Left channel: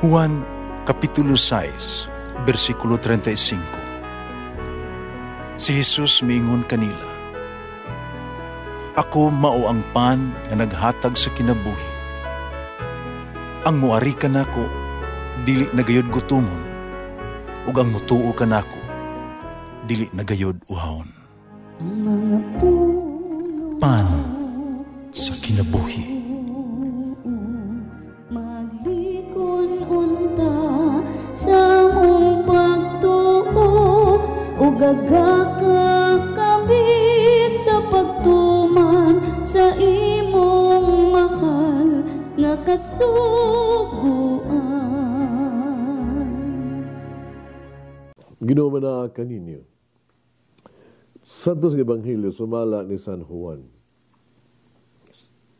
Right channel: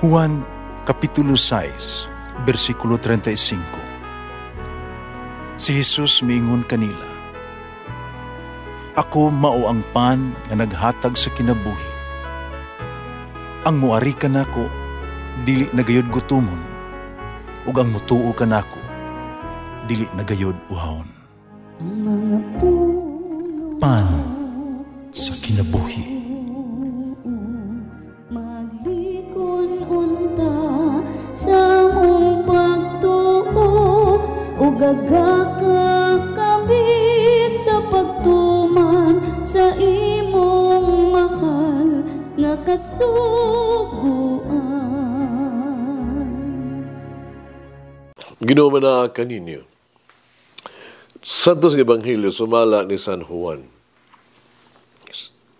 Juan Kapitulo 6, versikulo 35. Si Jesus miingon kanila, "Ako mao ang pan nga naghatag sa kinabuhi. Ang muari kanako dili nagayod gutomon, ug ang mutuo kanako dili nagayod uhawon." Ang mga puno Pan sa kinabuhi. maglikon unta sa mong pagtuo ug gagakabi sa pagtuman sa imong mahal nga kasuguan. Ginoo na kaninyo. Santos ng Ebanghelyo sumala ni San Juan.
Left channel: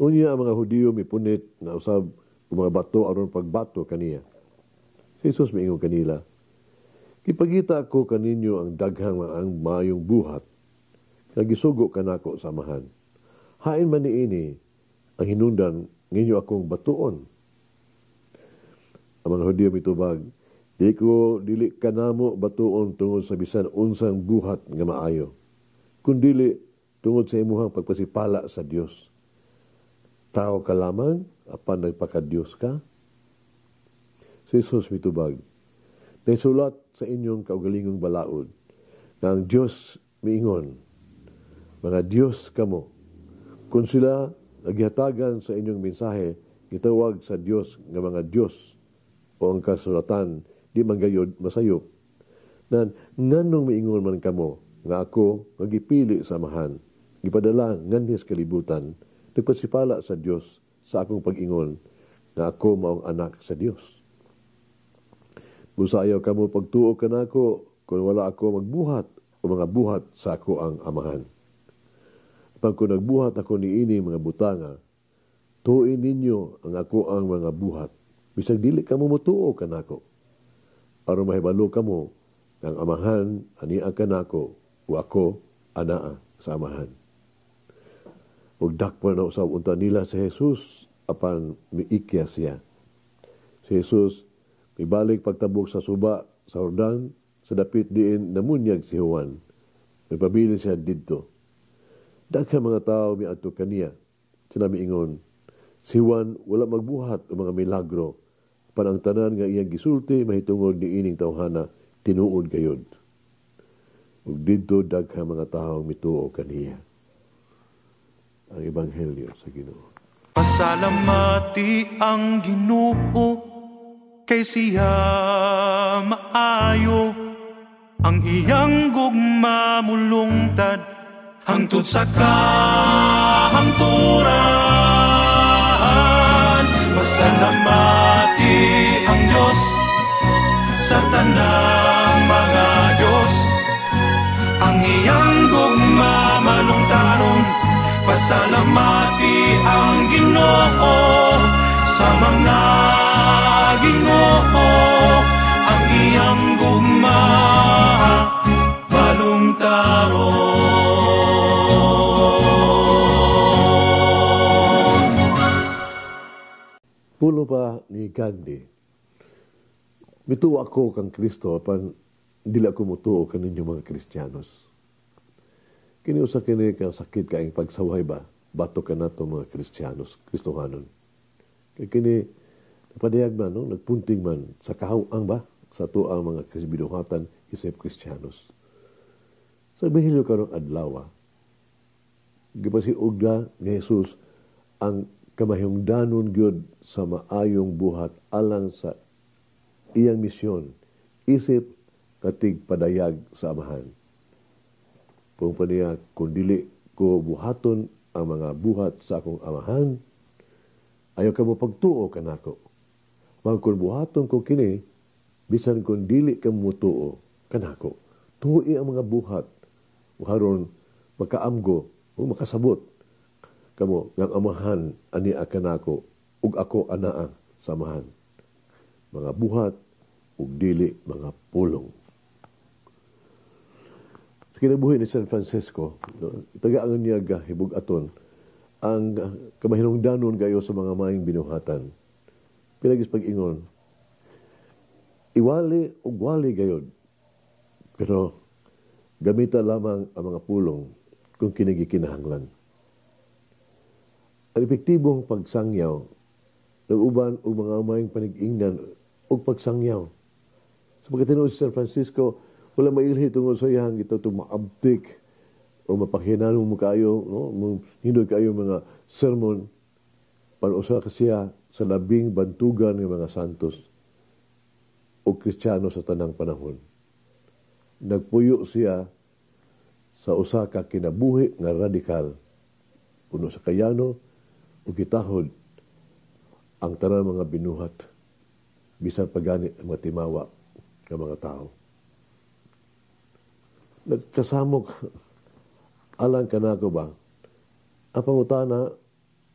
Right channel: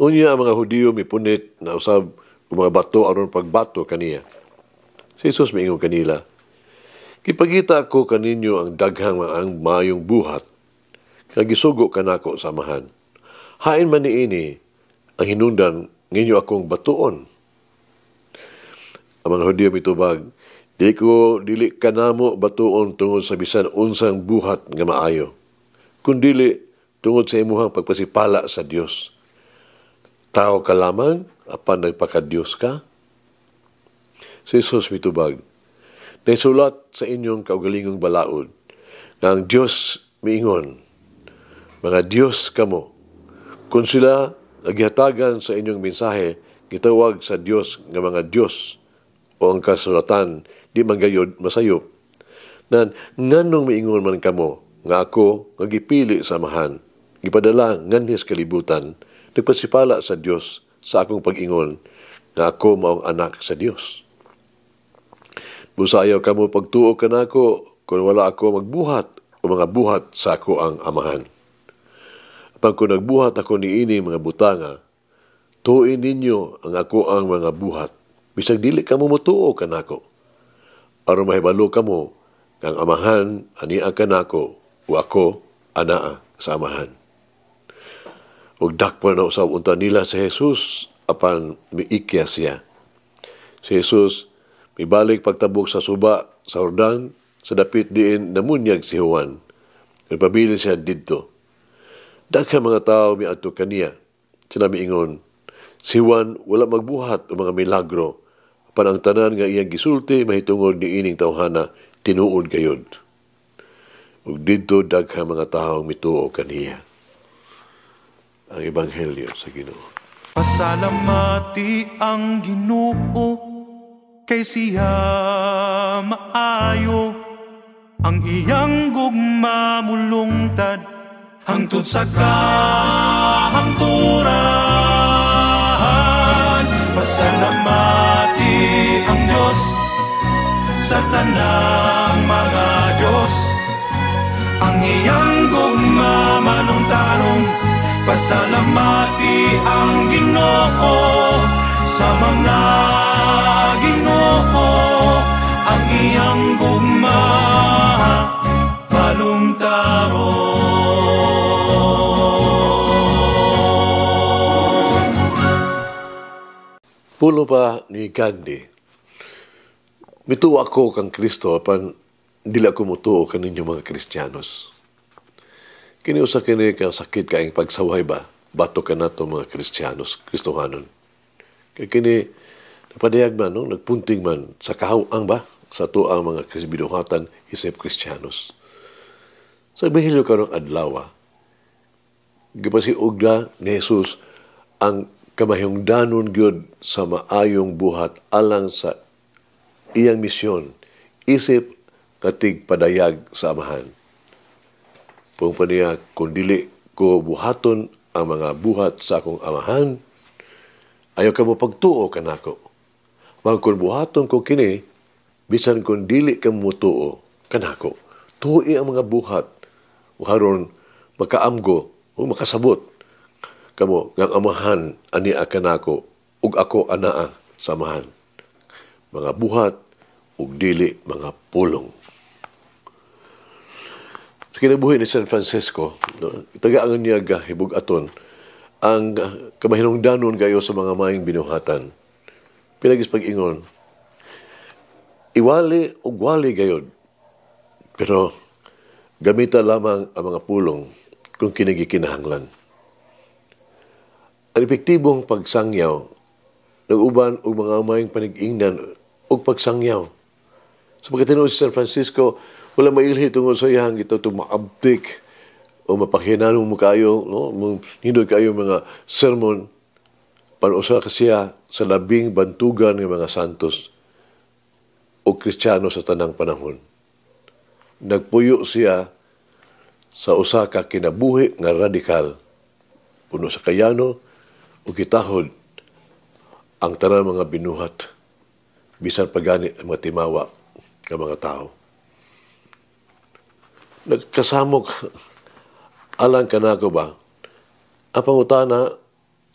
Unya ang mga Hudiyo mipunit na usab ang mga bato aron pagbato kaniya. Si Jesus miingon kanila, "Kipagita ako kaninyo ang daghang ang mayong buhat, kag gisugo kanako samahan. Hain man niini ang hinungdan nginyo akong batuon." Ang mga Hudiyo mitubag, Dili kanamo batuon tungod sa bisan unsang buhat nga maayo, kundili tungod sa imuhang pagpasipala sa Dios. Tao ka lamang apan nagpaka-Dios ka? Si Jesus mitubag, naisulat sa inyong kaugalingong balaod nga ang Dios miingon, "Mga Dios kamo." Kung sila naghihatagan sa inyong mensahe, gitawag sa Dios nga mga Dios, o ang kasulatan di manggayod masayop. Nan nganong miingon man kamo nga ako nga gipili samahan, gipadala nganhis kalibutan, nagpasipala sa Dios sa akong pag-ingon nga ako maong anak sa Dios. Busa ayaw kamo pagtuo kanako kung wala ako magbuhat o mga buhat sa ako ang amahan. Apang kung nagbuhat ako niini mga butanga, tuin ninyo ang ako ang mga buhat, bisag dili kamo motuo kanako. Aron mahibalo kamo kang amahan ania kanako o ako anaa sa amahan. Ug dakpan na usab unta nila sa Jesus apan miikya siya. Si Jesus mibalik pagtabok sa suba sa Jordan sa dapit diin namunyag si Juan. Nagpabili siya didto. Daghang mga tao miadto kaniya. Sila miingon, si Juan wala magbuhat o mga milagro, apan ang tanan nga iyang gisulti mahitungod ni ining tawhana tinuod gayod. Ug didto daghang mga tawo mituo kaniya. Ang Ebanghelyo sa Ginoo. Pasalamati ang Ginoo kay siya maayo, ang iyang gugma mulungtad hangtod sa kahangturan. Pasalamati ang Diyos sa tanang mga Diyos, ang iyang gugma malungtaron. Pasalamati ang Ginoo sa mga Ginoo, ang iyang gugma malungtaron. Pulo pa ni Gandhi, mituo ako kang Kristo apan dili ako mutuo kaninyo mga Kristiyanos. Kini usa kini kang sakit kaing pagsaway ba bato ka nato mga Kristiyanos, Kristohanon. Kay kini napadayag man no, nagpunting man sa kahawang ba sa tuang mga binuhatan isip Kristiyanos. Sa Ebanghelyo karong adlaw, gipasiug ni Jesus ang kamahingdanon gyud sa maayong buhat alang sa iyang misyon, isip katig padayag sa amahan. Kung pa niya, kung dili ko buhaton ang mga buhat sa akong amahan, ayaw ka mo pagtuo kanako. Kung buhaton ko kini, bisan kung dili ka mo tuo kanako, tuoi ang mga buhat, o haron makaamgo o makasabot kamo ng amahan ani kanako ug ako anaa sa amahan. Mga buhat ug dili mga pulong. Sa kinabuhi ni San Francisco, no, tagaan niya hibug-aton ang kamahinungdanon gayo sa mga maing binuhatan. Pinagis pag-ingon, iwali o wali gayod. Pero gamita lamang ang mga pulong kung kinigikinahanglan. Ang epektibong pagsangyaw, nag-uban o mga mayong panig-ingnan o pagsangyaw. Sa pagkatinood si San Francisco, wala mailhi tungod sa iyang ito maabdik o mapakhinanong mo kayo, no? Hindod kayo mga sermon, panusa ka siya sa labing bantugan ng mga santos o Kristiyano sa tanang panahon. Nagpuyo siya sa usa ka kinabuhi nga radikal, puno sa kayano o kitahod ang tanang mga binuhat, bisan pagani ang mga timawa ng mga tao. Nagkasamok alang kanako ba ang pangutana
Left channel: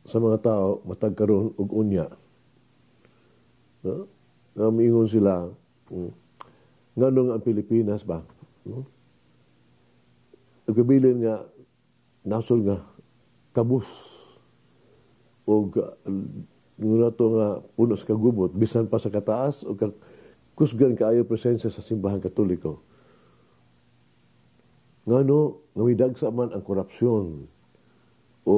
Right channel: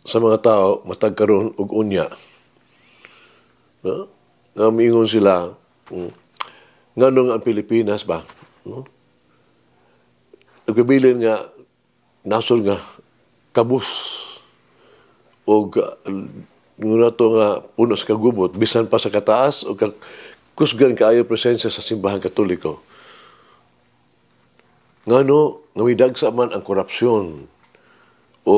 sa mga tao matagkaroon og unya. No? Nga miingon sila, nganong ang Pilipinas ba? No? Nagpabilin nga nasod nga kabus o nga to nga puno sa kagubot, bisan pa sa kataas o kusgan kaayo presensya sa simbahan katoliko. Ngano nga midagsa man ang korupsyon o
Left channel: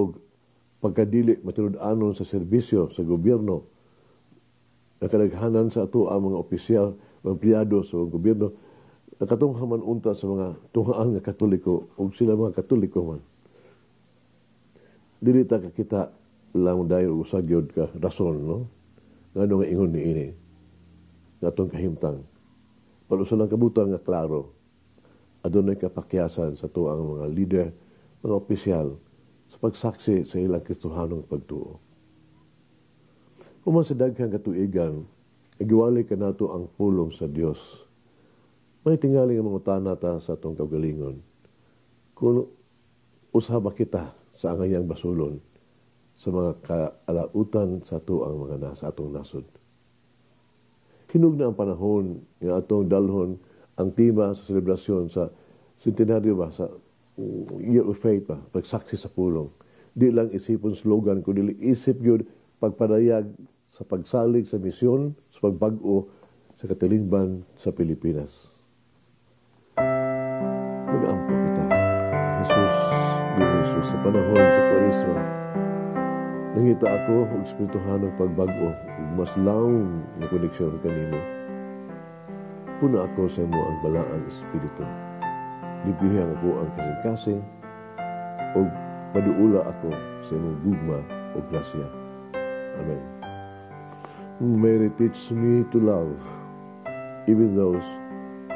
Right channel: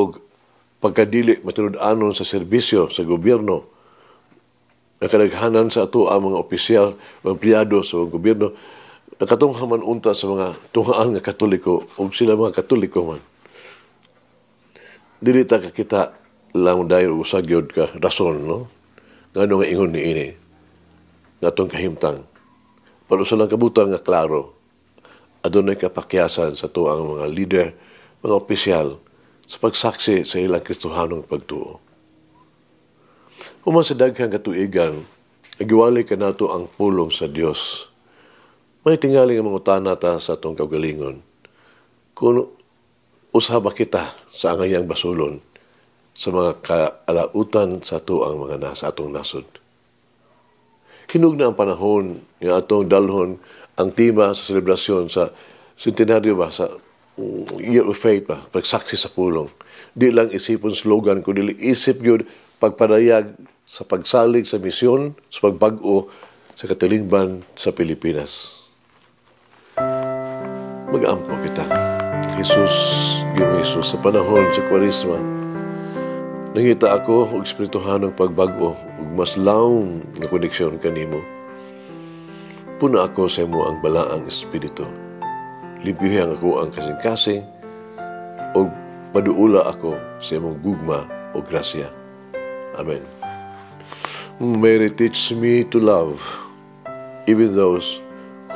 pagkadili matinud-anon sa serbisyo sa gobyerno, nakadaghanan sa ato ang mga opisyal o empleyado sa gobyerno, nakatungha man unta sa mga tungaan nga katoliko o sila mga katoliko man. Dili ta kita lang dahil usagyod ka rason, no? Ngano nga ingon ni ini nga atong kahimtang. Pero sa lang kabutang nga klaro, adunay kapakyasan sa tuang mga leader, mga opisyal, sa pagsaksi sa ilang Kristohanong pagtuo. Human sa daghang katuigan, nagiwalay ka nato ang pulong sa Dios. May tingaling ang mga utana ta sa atong kaugalingon. Kung usaba kita sa angayang basulon, sa mga kaalautan sa tuang mga nasa atong nasod. Hinug na ang panahon nga atong dalhon ang tema sa selebrasyon sa centenaryo ba, sa Year of Faith ba, pagsaksi sa pulong. Di lang isipon slogan, kundi isip yun pagpadayag sa pagsalig sa misyon, sa pagbag-o sa katilingban sa Pilipinas. Mag-ampo kita. Jesus, sa panahon sa Kwaresma, nangita ako og espirituhanong pagbago ug mas lawom nga koneksyon kanimo. Puna ako sa imo ang balaang espiritu. Libyuhan ako ang kasing-kasing ug paduula ako sa imong gugma o grasya. Amen. Mary, teach me to love even those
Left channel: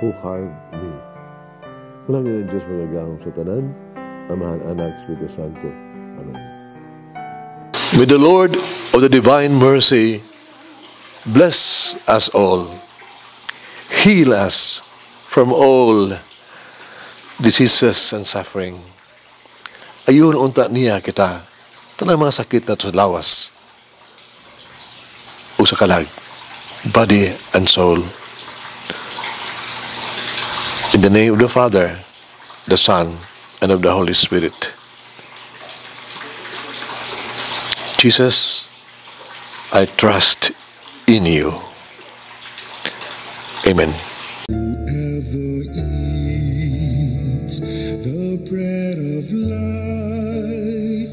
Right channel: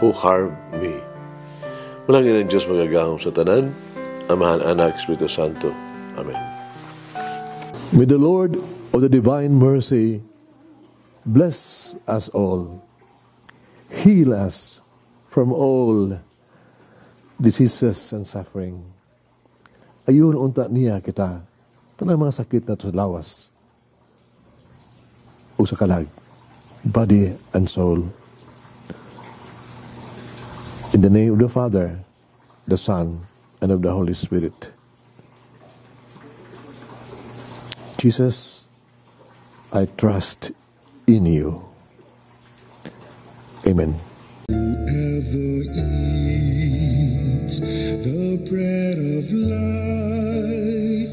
who harm me. Malangin ang Diyos magagahom sa tanan, Amahan, Anak, Espiritu Santo. Amen. May the Lord of the divine mercy bless us all, heal us from all diseases and suffering. Ayun unta niya kita, tanang mga sakit na sa lawas o sa kalag, body and soul. In the name of the Father, the Son, and of the Holy Spirit. Jesus, I trust in you. Amen. Whoever eats the bread of life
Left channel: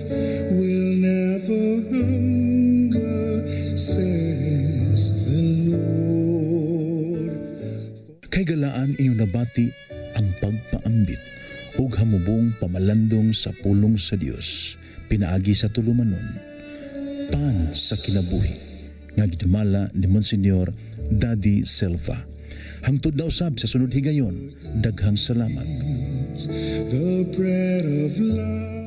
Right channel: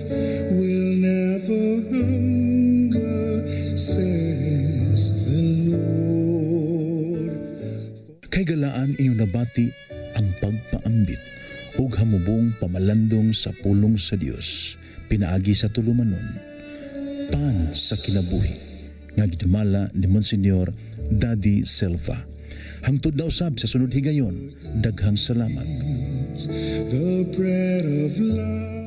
will never hunger, says the Lord. Kay galaan inyong nabati ang pagpaambit ug hamubong pamalandong sa pulong sa Dios pinaagi sa tulumanon. Pan sa kinabuhi nga gidumala ni Monsignor Daddy Silva. Hangtod na usab sa sunod higayon, daghang salamat. The bread of life.